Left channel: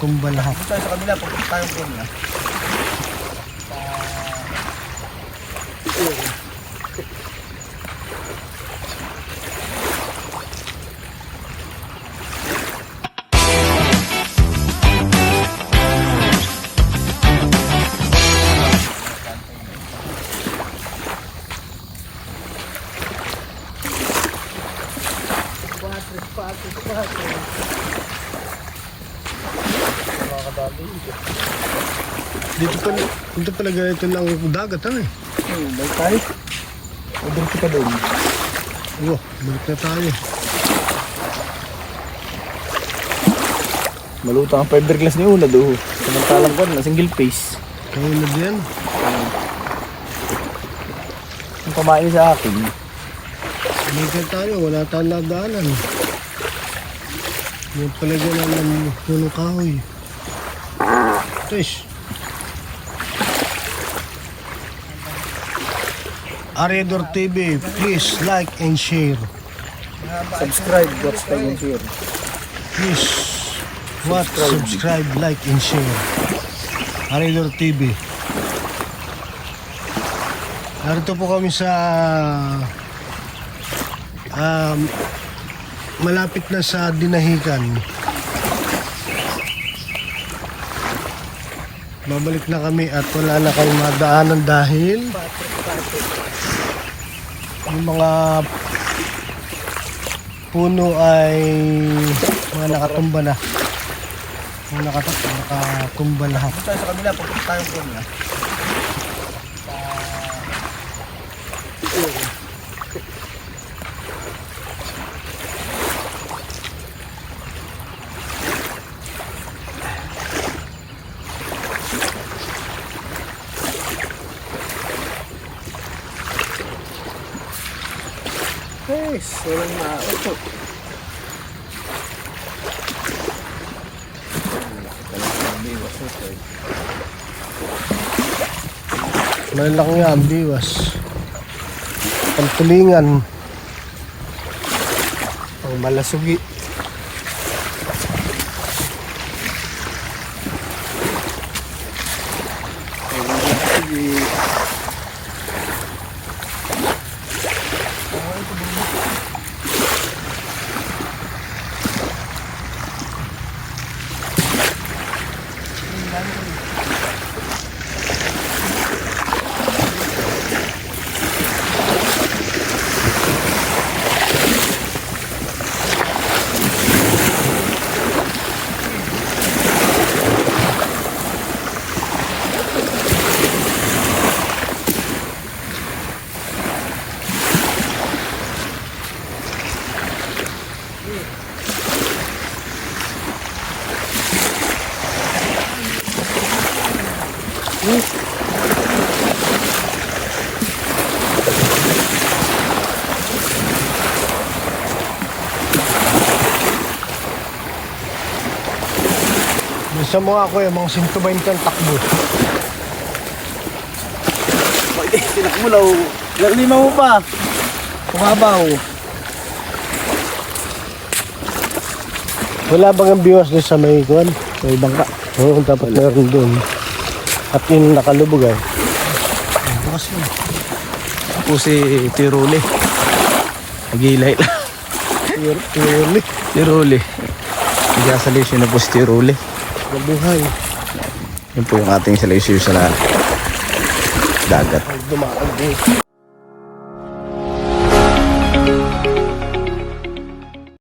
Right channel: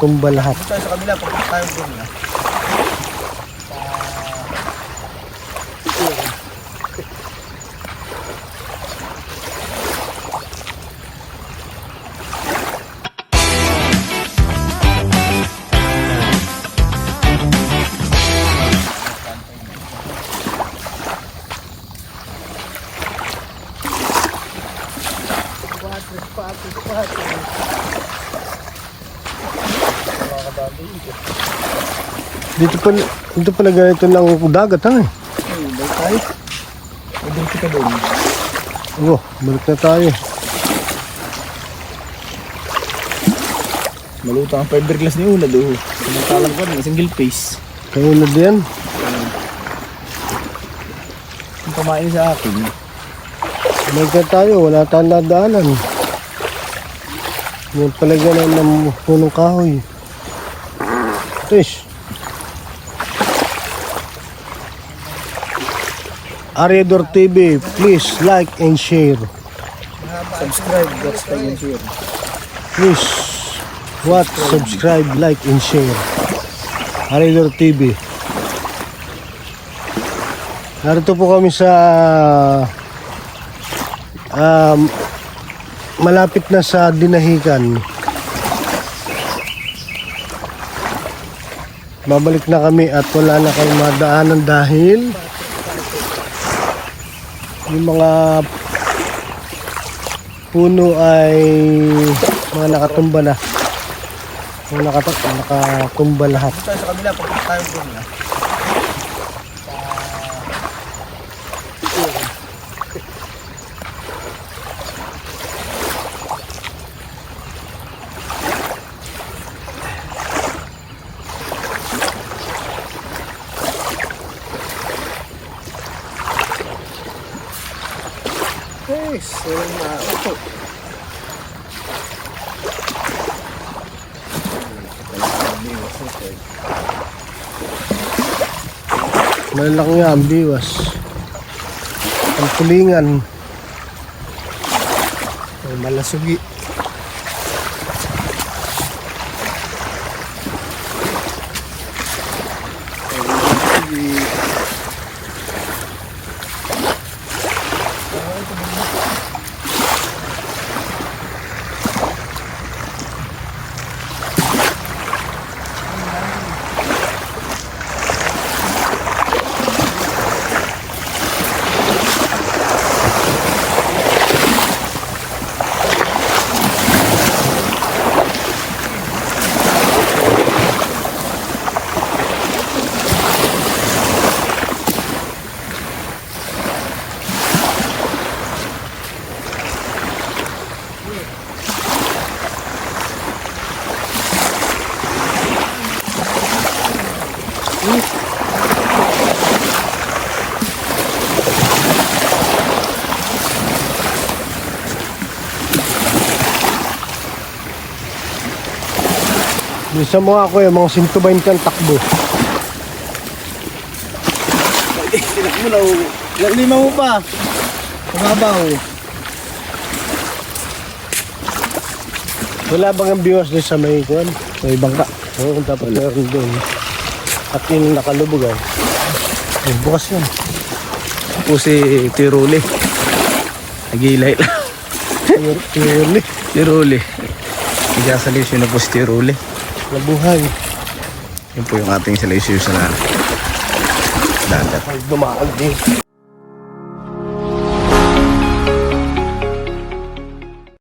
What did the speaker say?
Tumba lahat. Tayo sa kabila, pagpunta tayo doon na. Dito pala ganito ng dagat ha. Balik tayo. Order kita doon. Balik na tayo. Maluto ang fiberglass ni Una doon. Samantalang ko na single face. Kayo na din. Ang kamain sa akin. May ka tayo, wala tayong nadaanan. Yan pala ganun ng punong kahoy. Fish. Aredor TV, please like and share. Subscribe, watch, like, and share. Please watch, subscribe, like and share. Aredor TV. Narito po kami sa malapit na sa Dinahican. Babalik na kami at wala na kayong madaanan dahil yung mga puno ay mga nakatumba na. Mga nakatumba lahat. Tayo sa kabila, pagpunta tayo doon na. Yes, walang maupo. Malaki nga ang biwas. Ang tulingan. Ay malasugi. Bisa mo ako mga 120 ang takbo. Tinakbo lang. Lima mo pa. Kumabaw. Wala bang ang biwas niya sa may kuwan? Sa ibang ka. Oo, dapat meron doon. At yung nakalubog ay. Ay, bukas yun. Po si Tiruli. Nag-ilay. Tiruli. Nag-asalisin na po si Tiruli. Mabuhay. Yun po yung ating salaysay sa dagat. Bumakal din.